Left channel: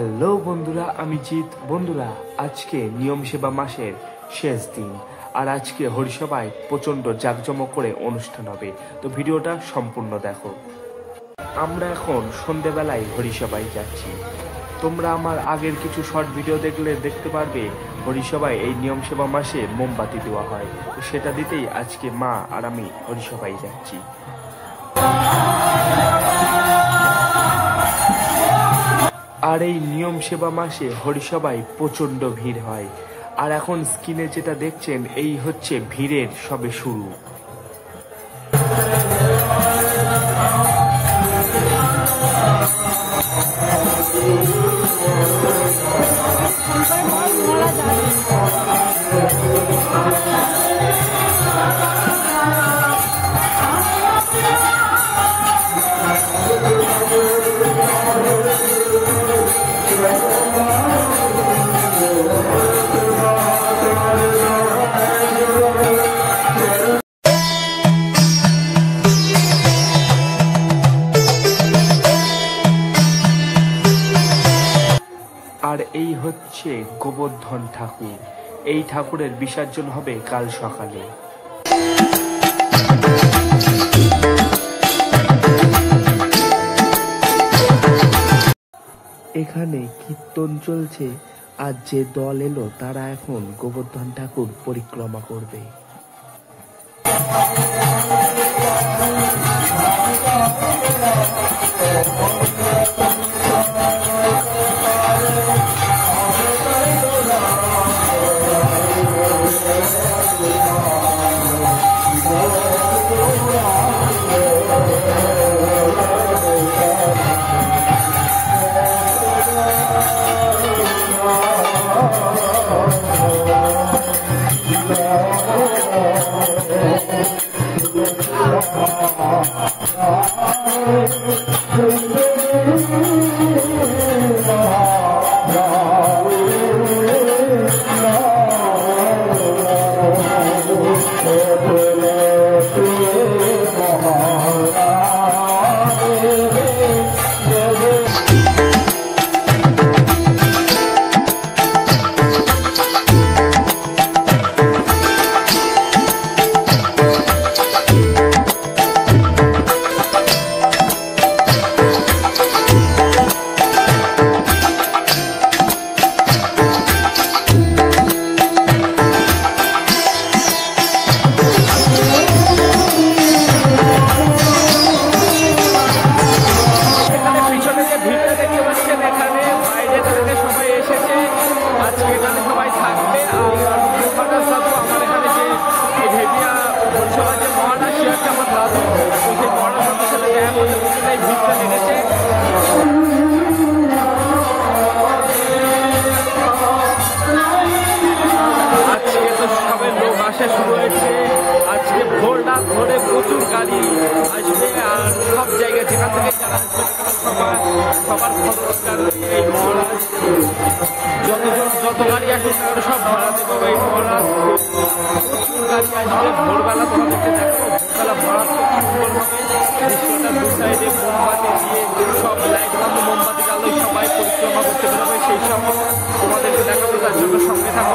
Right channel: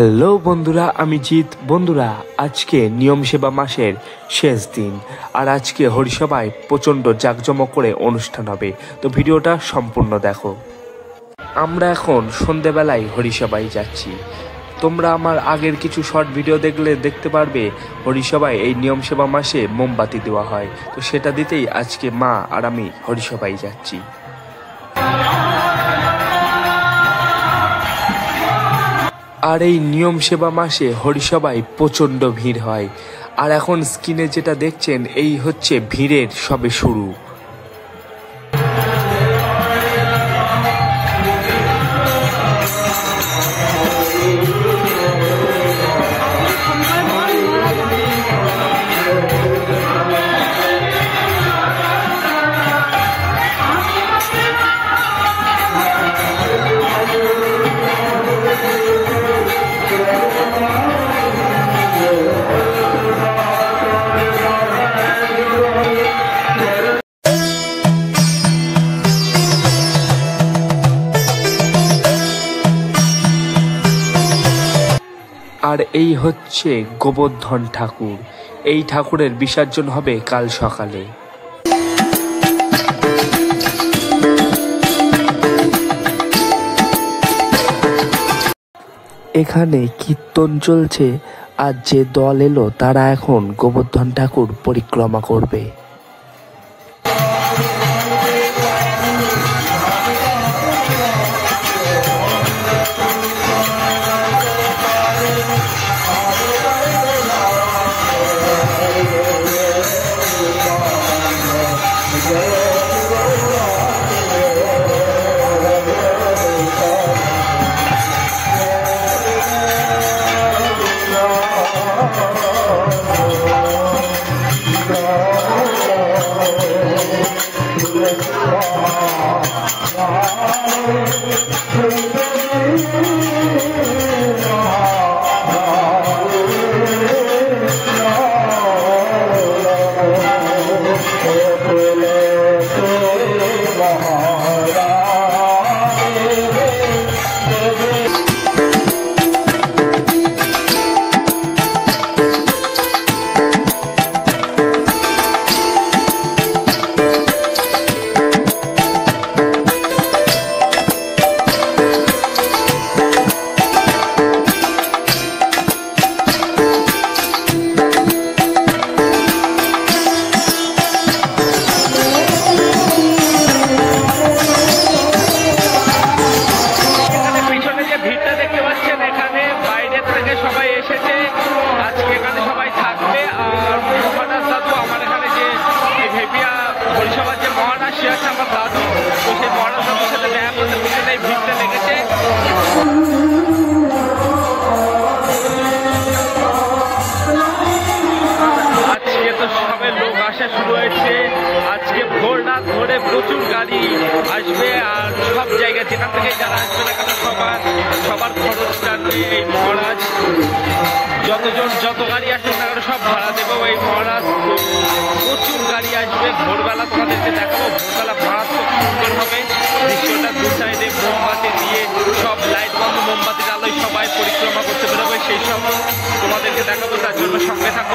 Hello বন্ধুরা, আমি জিৎ। বন্ধুরা, আজকে নিয়ম সেবা মাসের শেষ দিন, আর আজকে হরিসভায় প্রচণ্ড জাঁকজমক করে অনুষ্ঠান হবে। তো ভিডিওটা সম্পূর্ণ দেখো। আমরা এখন সন্ধেবেলায় হরিসভায় যাচ্ছি। তোমরা আমার আগের কিছু শর্ট ভিডিও দেখলে দেখতে পারবে হরিসভায় এই নিয়ম সেবা মাসে মোমবাতি দেওয়া হয়। তো সেটা দিতেই আজকে মা আর আমি হরিসভায় যাচ্ছি। আর এই নিয়ম সেবা মাসে হরিসভায় প্রচণ্ড ভিড় হয়। আর এখন স্ক্রিনে যেটা দেখছেন এই হচ্ছে ভিড়ের সবে শুরু। আর এই হচ্ছে গোবর্ধন ঠাকুর। এই ঠাকুরের বিসর্জন হবে কাল সকালে। এখানে কীর্তন চলছে, আর যে দল এলো তারা এখন গোবর্ধন ঠাকুর পরিক্রমা করবে। আজকে এখানে সবাই থাকবে। আর মহারাজ দাদু আমার এখানে যে ভেপিয়া হরিসভার যে মহারাজ সে হচ্ছে আমার দাদু। তো সেই মহারাজ দাদুর সাথে দেখা করতে পিছনে এই ভিড়টা লেগেছে। আজকে তো সবে লোক আসা শুরু হয়েছে। আজকে ভোর রাত ধরে প্রচুর গাড়ি আসবে, আর সব জায়গায় যেখান থেকে যারা আসবে না কেন সবার খরচটা নিয়ে এই মহারাজ যত গাড়ি আসুক না কেন সব ভাড়া দেবো এই মহারাজ। প্রচুর গাড়ি আসবে। ভোরবেলা তোমাদেরকে দেখাবো, ভোরবেলা মারাত্মক সুন্দর হবে দৃশ্যটা। দু সাইডে মোমবাতি দিয়ে সব লাইট বন্ধ, মোমবাতির আলোয় সবাই পরিক্রমা করতে বেরোবে, সেই সব তোমাদেরকে দেখাবো। তার জন্য সঙ্গে থাকো।